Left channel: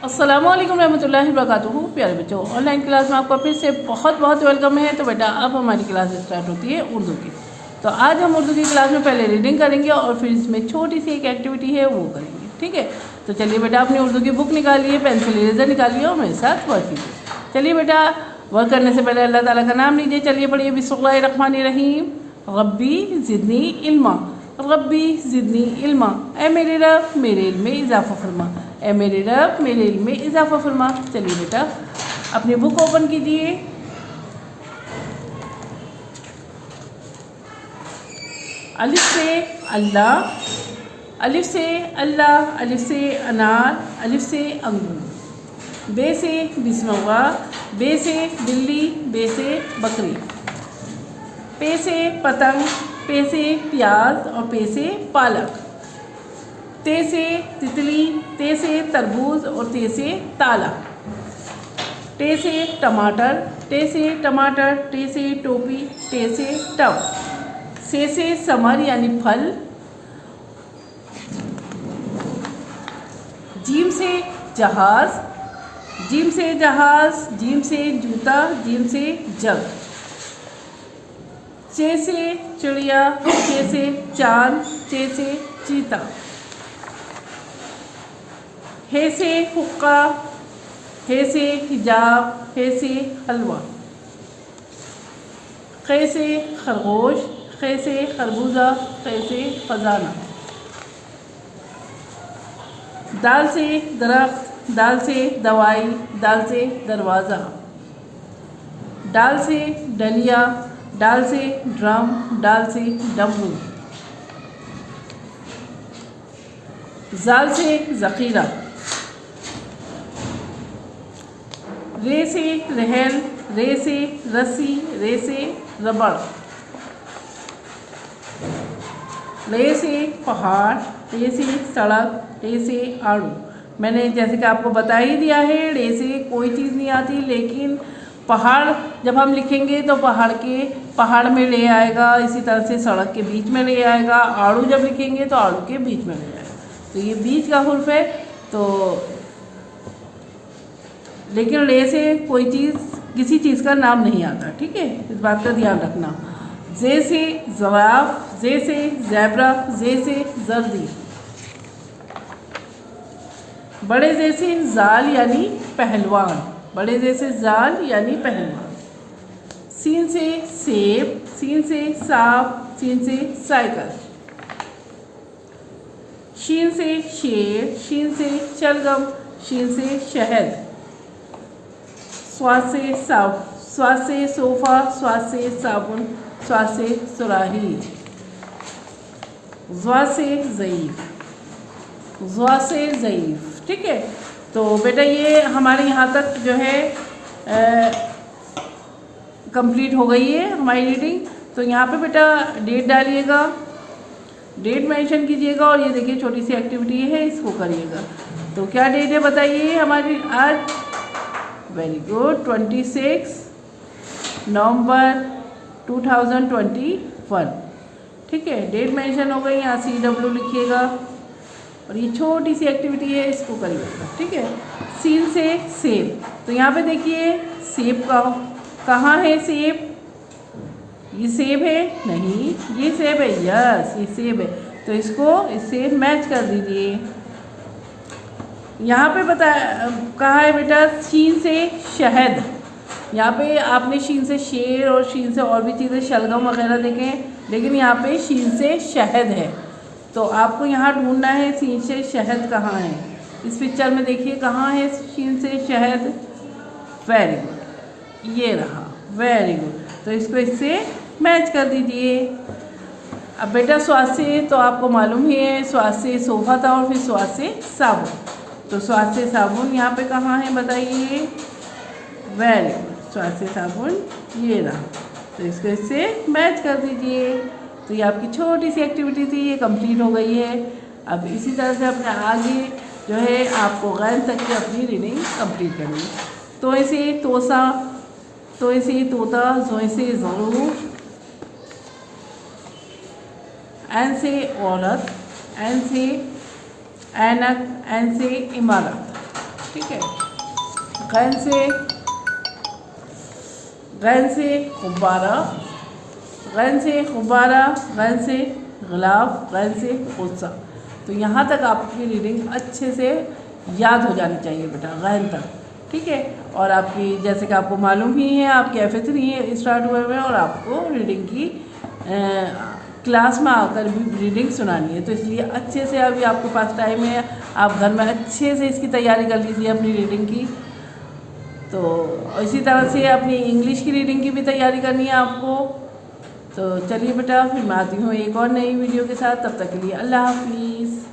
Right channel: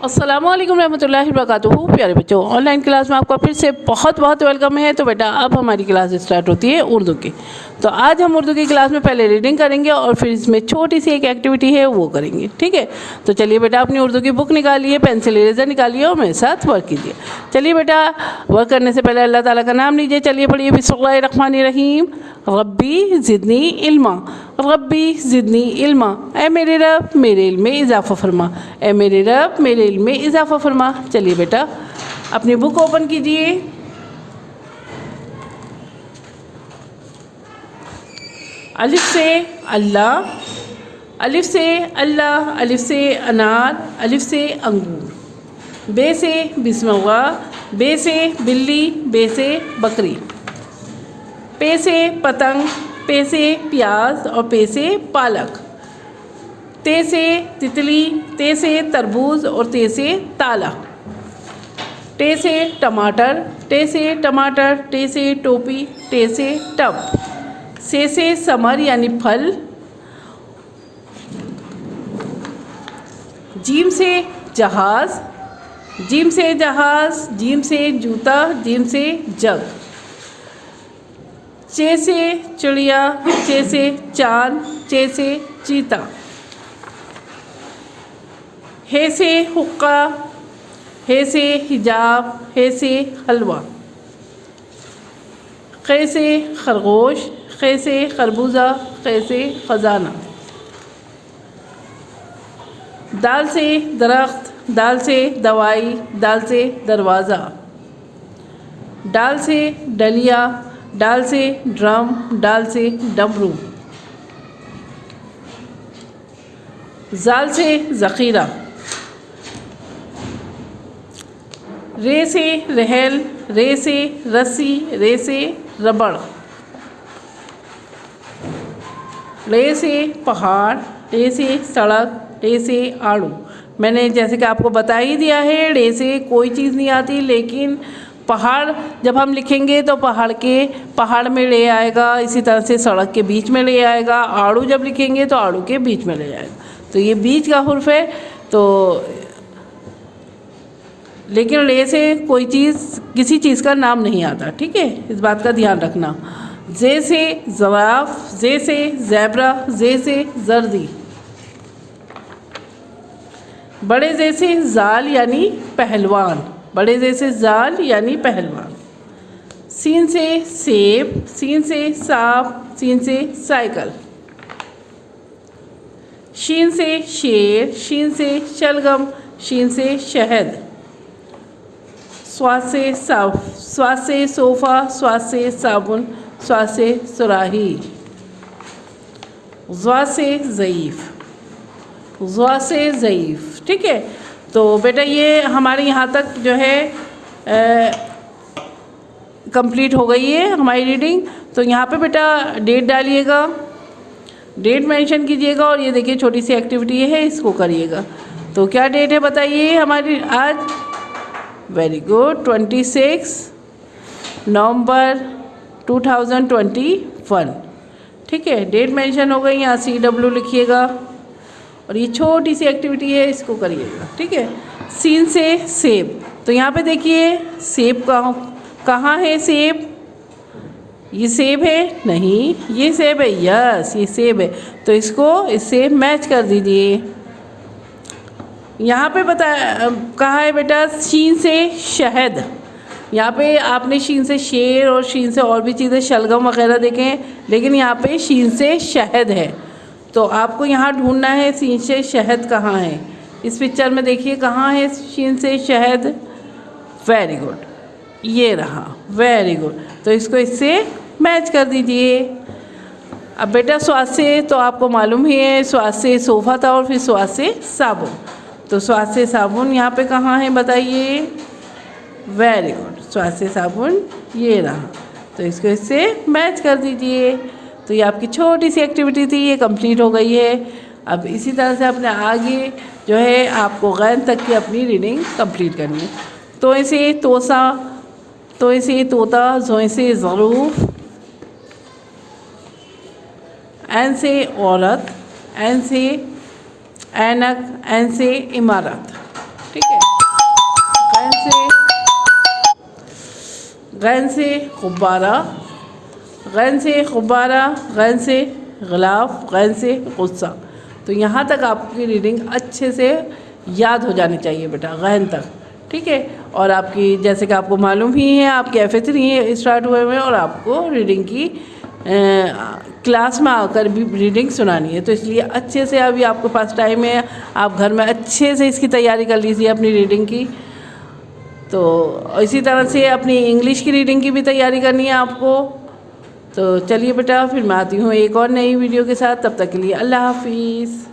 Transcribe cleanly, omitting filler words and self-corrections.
अस्सलामुअलैकुम रहमतुल्लाहि वबरकातुहू। प्यारे बच्चों, ऑनलाइन क्लास में आपका फिर से बहुत बहुत वेलकम है। तो बेटा अब हमारी क्लास स्टार्ट होती है उर्दू की। तो आज हम उर्दू की क्लास में पहले रीडिंग करेंगे और फिर इसमें छोटी सी एक एक्टिविटी है वो करेंगे। ठीक है, तो चलिए बेटा अपनी उर्दू की बुक निकालिए, पेंसिल इरेजर निकालिए और मेरे साथ वर्क कीजिए। चलिए बेटा, वर्क करने से पहले अल्लाह ताला का नाम लीजिए। चलिए पढ़िए, बिस्मिल्लाहिर्रहमानिर्रहीम। रब्बी ज़िदनी इल्मा, रब्बी ज़िदनी इल्मा। ए मेरे रब मेरे इल्म में इजाफ़ा फरमा, ए मेरे रब मेरे इल्म में इजाफ़ा फरमा। चलिए बेटा अपनी बुक ओपन कीजिए। अलिफ से अल्लाह, अलिफ से अल्लाह, अलिफ से अनार, अलिफ से अंगूर। बे से बिस्मिल्लाह, बे से बिल्ली, बे से बकरी। पे से पतंग, पे से प्याज और पे से पालक। ते से तितली, ते से तरबूज और ते से ताला। टे से टमाटर, टे से टमाटर, टे से टोपी, टे से टब। से समर यानी फल। जीम से जहाज, जीम से जहाज, जीम से जूता, जीम से जग। चे से चिड़िया, चे से चांद, चे से चीता। हे से हुक्का, हे से हिजाब, हे से हलवा। खे से खरगोश, खे से खरबूजा, खे से ख़जाना। दाल से दरख्त, दाल से दवाई, दाल से दरवाज़ा। डाल से डलिया, डाल से ड्रम, डाल से डमरू। जाल से ज़ख़ीरा। रे से रहल, रे से रस्सी, रे से रबड़। रे से पहाड़, रे से सड़क, रे से आड़ू। मैंने जैसे कि आपको बता ही दिया है, रे से कोई चीज़ नहीं आती, लेकिन पहाड़ जब हम लिखेंगे तो पहाड़ में ले आएगा। इसी तरह से सड़क के बीच में ले आएगा। आड़ू जब लिखेंगे तो आड़ू के बीच में ले जाएगा। तो ये बीच का हुर्फ है। तो लेकिन रे से कोई चीज़, किसी चीज़ का नाम नहीं आता। ठीक है, इस बात का ध्यान रखना। जे से ज़राफ, जे से ज़ेब्रा, जे से जर्दी। बड़े जे से जाल यानी पहलवान, बड़े जे से जाल यानी पहलवान। सीन से सेब, सीन से सांप, सीन से साइकिल। शीन से शेर, शीन से शलगम, शीन से शहद। स्वाद से साफ, स्वाद से सोफ़ा, स्वाद से साबुन, स्वाद से सुराही। ज़्वा से ज़ईफ़, ज़्वा से ज़ईफ़। ठीक है, तो बेटा ये हमारे यहाँ तक जो है कंप्लीट हो गई है हमारी रीडिंग। तो यहाँ पे बेटा डेट डालिएगा, डेट मेंशन कीजिएगा और ये देखिए छोटी सी एक्टिविटी है, इसको करिएगा। तो क्या डेट है बताइए हमारी आज? वेरी गुड, 26 नवंबर 2021। ठीक है, डेट मेंशन हो गई, यहाँ CW लिखिएगा और ये छोटी सी एक्टिविटी है, इसको करिएगा। ठीक है, सीन से सेब। तो यहाँ पे देखिए सेब कहाँ है? सेब, ये सेब है? नहीं, ये सेब है। यस, ये सेब है। तो इससे मैच कर दीजिए। यहाँ पे कहाँ है बेटा? शीन से शहद। यहाँ पे आपने शीन से शेर और शीन से और भी चीज़ें शलगम वगैरह देखे हैं, लेकिन यहाँ पे शीन से शहद है। तो आपको यहाँ ढूंढना है शीन से शहद कहाँ है। इस पिक्चर में देखिए कहाँ है शीन से शहद। वेरी गुड, ये रहा। वेरी गुड, तो इसको इससे मैच कर दीजिए। अब बेटा स्वाद से तो आपको मालूम ही है, स्वाद से सोफ़ा था और फिर स्वाद से साबुन। तो स्वाद से साबुन यहाँ पे कहाँ है बताइए? वेरी गुड, स्वाद से साबुन ये रहा। तो इसको इससे मैच कर दीजिए। तो ये आपकी छोटी सी एक्टिविटी थी, ये कंप्लीट हो गई है। अब इसी तरह से अपने आगे जो है आपको गैन तक की अपनी रीडिंग कंप्लीट करनी है। तो ऐसे तोसा, तो ऐसे तोता, जों से ज़रूफ, एन से औरत, एन से ऐनक, एन से इमारत। ठीक है। गैन से गुब्बारा, गैन से गुब्बारा, गैन से गिलाफ, गैन से गुस्सा। तो यहाँ तक आपकी रीडिंग अच्छे से याद हो जानी चाहिए बेटा, गैन तक, ठीक है। और आपकी जैसे कि आपको मालूम ही है, आपके FA3 स्टार्ट हुए हुए हैं और आपको रीडिंग की क्लास में आकर भी रीडिंग सुनानी है। तो इसलिए अच्छे से अभी आपके पास टाइम है, आप घर में अच्छे से इसकी तैयारी कर लीजिए अपनी रीडिंग की। तो इसी तरह से अपनी इंग्लिश की रीडिंग की भी तैयारी करनी है आपको। तो चलिए बेटा, फिर मैं आती हूँ एक और नई वीडियो के साथ। तब तक के लिए अल्लाह हाफिज़।